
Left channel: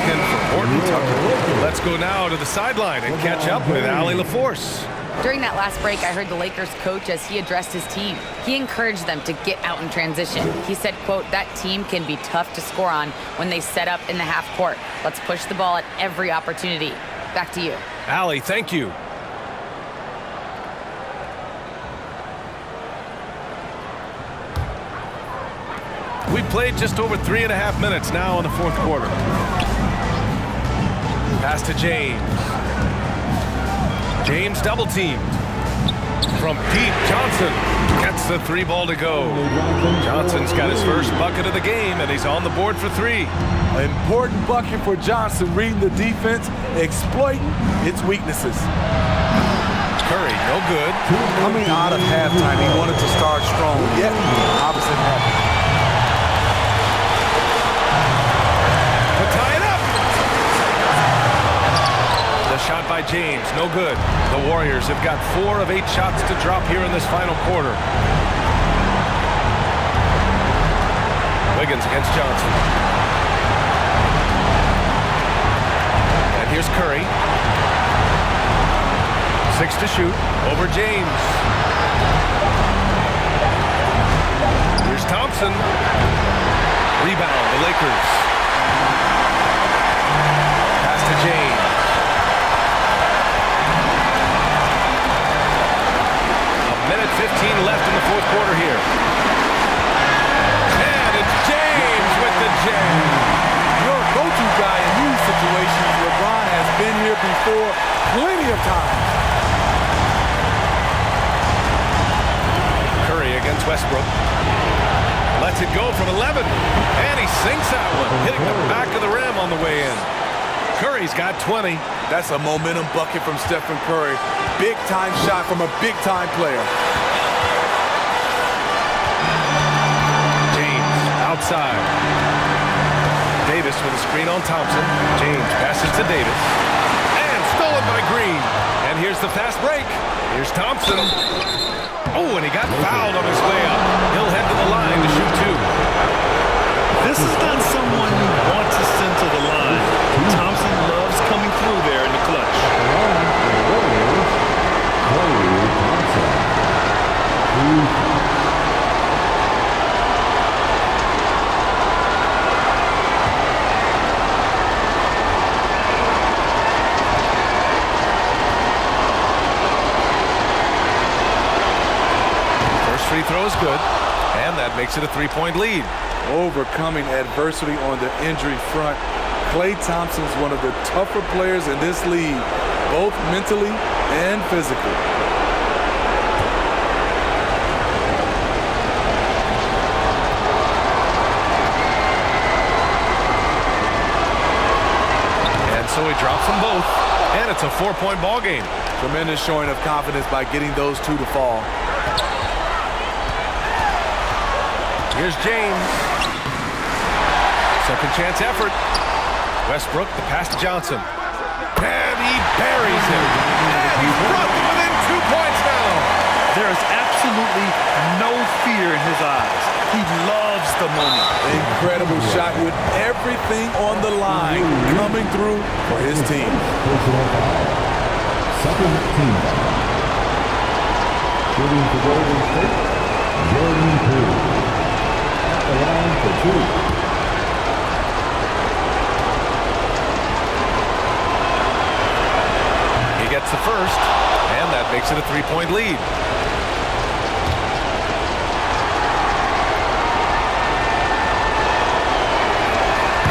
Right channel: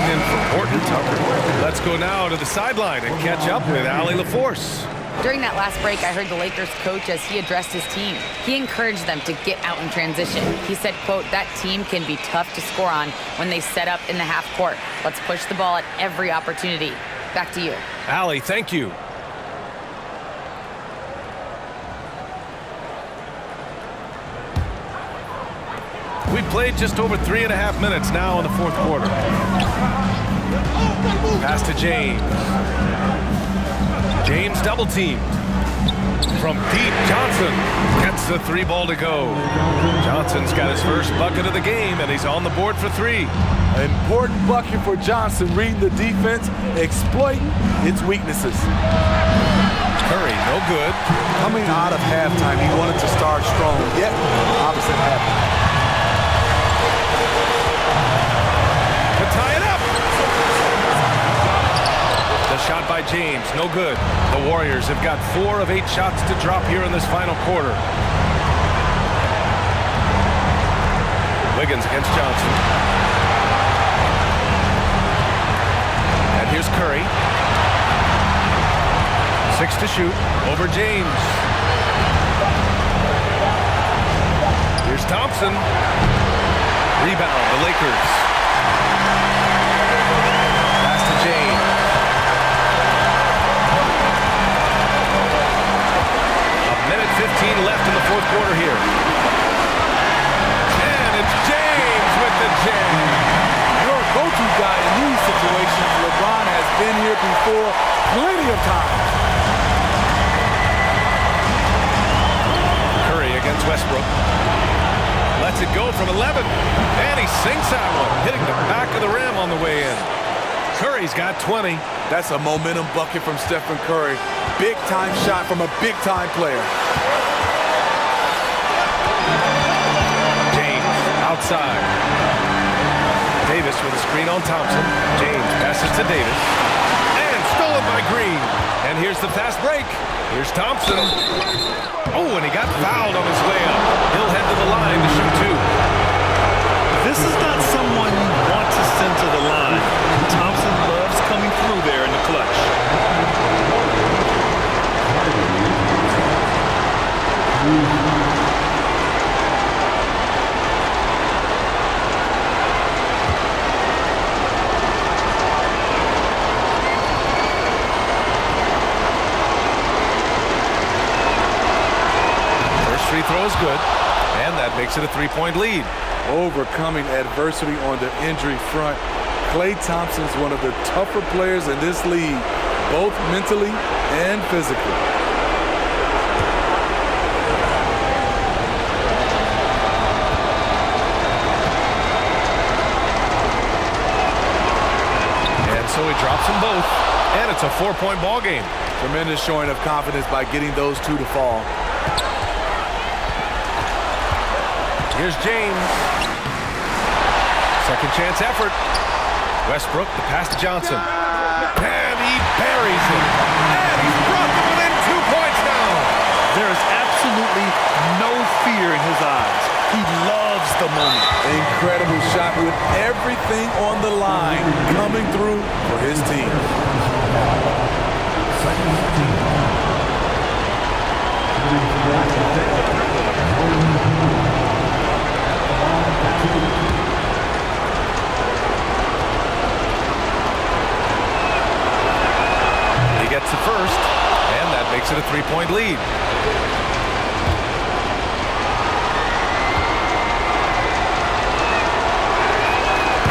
checked in for Horton Tucker. Let's go now to the sideline and catch up with Allie LaForce. During that last break, I heard the Lakers coach as he addressed his team. He encouraged them to get out in transition. He said, quote, "That team can be tough to score on when they set up in the half court. Let's push the ball at every opportunity." Back to you. Allie, thank you. We played just over 3.5 minutes now in the fourth quarter. Pass to James. James double teamed. From deep, Johnson gets the 3 ball to go. Johnson's got his first bucket of the game, and he's on the board for 3. An important bucket for Johnson, reading the defense, exploiting its weaknesses. Curry, no good. Coming out of halftime, he wanted to start strong, yet opposite happened. To tie it up. The shot by James, no good. The Warriors have got 4 of 8 shots to drop here in this final quarter. Wiggins against Johnson. And here's Curry. 6 to shoot over James. Here's Thompson. Rebound, the Lakers. Pass to James. A minute 15 left in the fourth quarter here. And it's James with the jam. Your go-to guy in these situations, LeBron has been here before plenty of times. Curry against Westbrook. Lets it go from 11. And he sinks that one, hitting the back of the rim on the way in. Curry's got 20. That's a momentum bucket from Stephen Curry. Big-time shot from a big-time player. James outside. Davis with a screen on Thompson. James passes to Davis. And stolen by Green. And here's the fast break. Here's Thompson. Oh, and he got fouled on his way up. He'll head to the line to shoot 2. This is not someone you want to send to the line. Thompson loves coming through there in the clutch. First free throw is good, and that makes it a 3-point lead. Overcoming adversity on the injury front. Klay Thompson's one of the tougher players in this league, both mentally and physically. And so he drops them both, and it's a 4-point ball game. Tremendous showing of confidence by getting those 2 to fall. Here's James. Second chance effort. Westbrook, the pass to Johnson. And he buries him. And he's brought them within 2 points now. There is absolutely no fear in his eyes. He loves the moment. Incredible shot with everything on the line coming through for his team. Second team. Shooting for Golden State, Jordan Poole. At the line for 2. He gets the first, and that makes it a 3-point lead.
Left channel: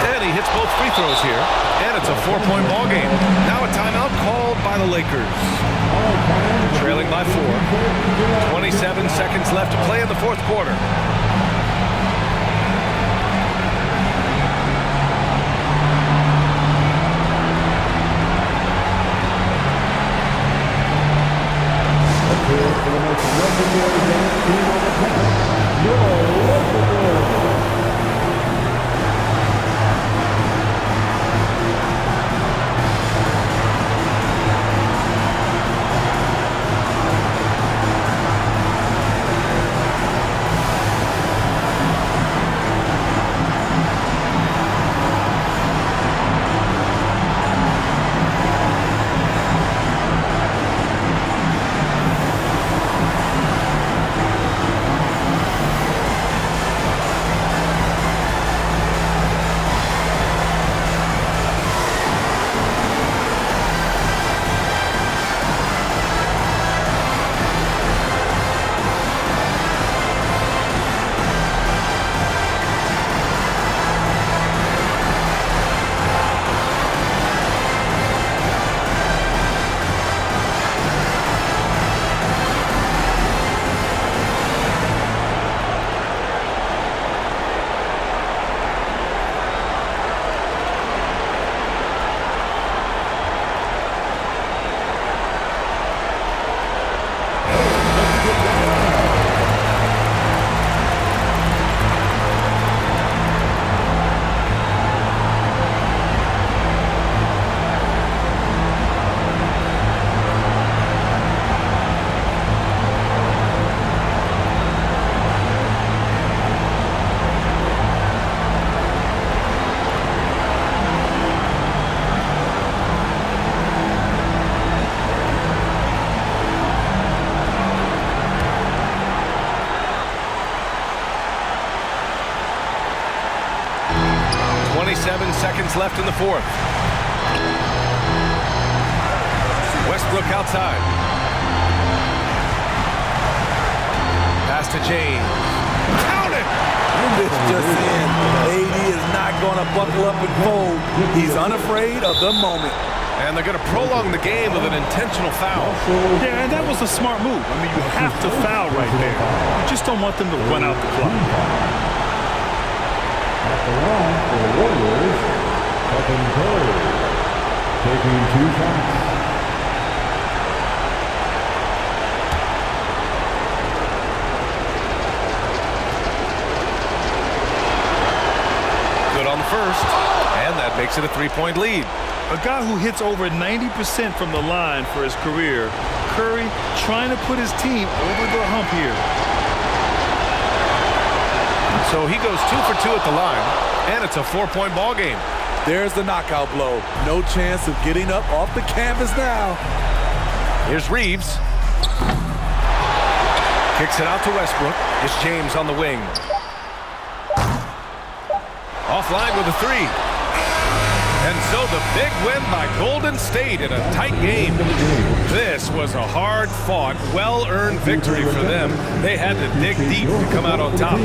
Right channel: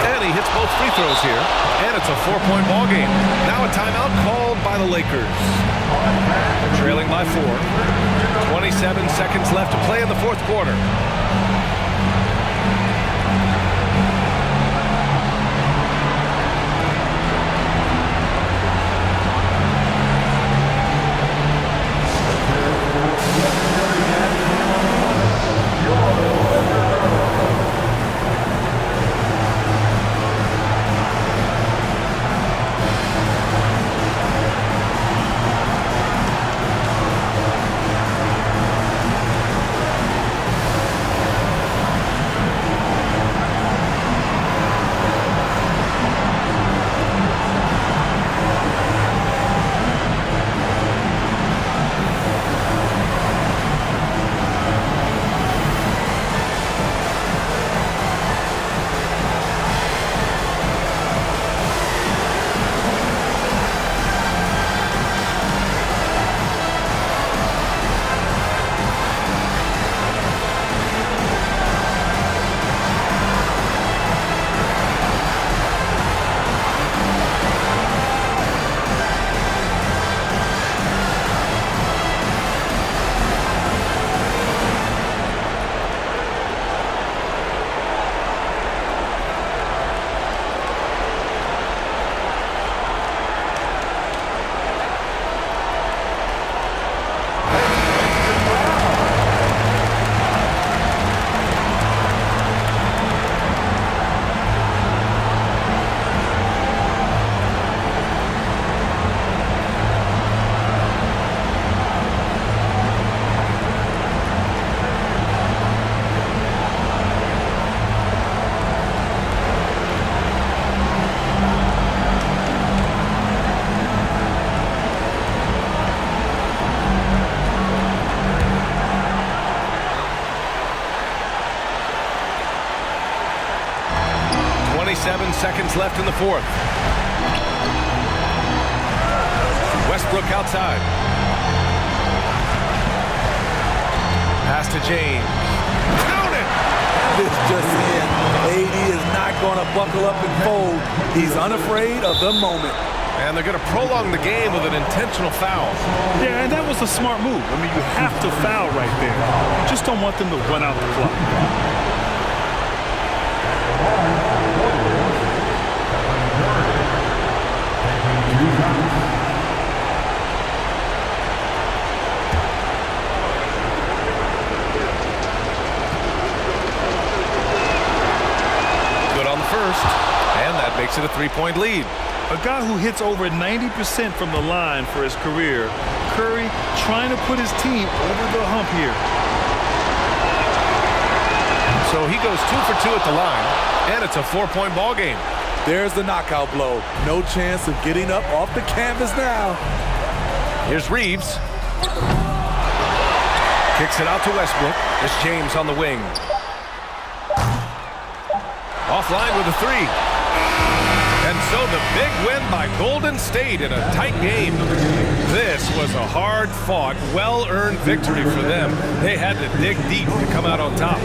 And he hits both free throws here, and it's a 4-point ball game. Now a timeout called by the Lakers. They're trailing by 4. 27 seconds left to play in the fourth quarter. 27 seconds left in the fourth. Westbrook outside. Pass to James. Count it! This just in. AD is not going to buckle up and fold. He's unafraid of the moment. And they're going to prolong the game with an intentional foul. Yeah, and that was a smart move. I mean, you have to foul right there. You just don't want them to run out the clock. At the line for the Warriors, Stephen Curry, taking 2 shots. Good on the first, and that makes it a 3-point lead. A guy who hits over 90% from the line for his career, Curry trying to put his team over the hump here. So he goes 2 for 2 at the line, and it's a 4-point ball game. There's the knockout blow. No chance of getting up off the canvas now. Here's Reeves. Kicks it out to Westbrook. It's James on the wing. Offline with a 3. And so the big win by Golden State in a tight game. This was a hard-fought, well-earned victory for them. They had to dig deep to come out on top.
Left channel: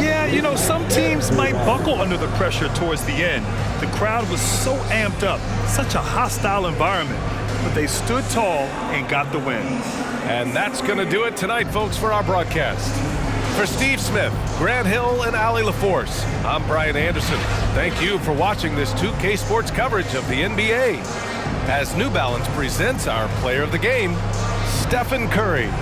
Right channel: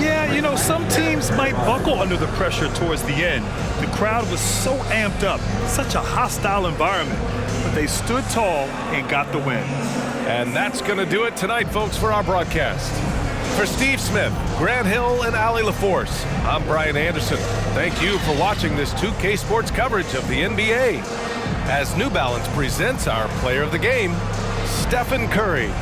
Yeah, you know, some teams might buckle under the pressure towards the end. The crowd was so amped up, such a hostile environment. But they stood tall and got the win. And that's going to do it tonight, folks, for our broadcast. For Steve Smith, Grant Hill, and Allie LaForce, I'm Brian Anderson. Thank you for watching this 2K Sports coverage of the NBA. As New Balance presents our player of the game, Stephen Curry.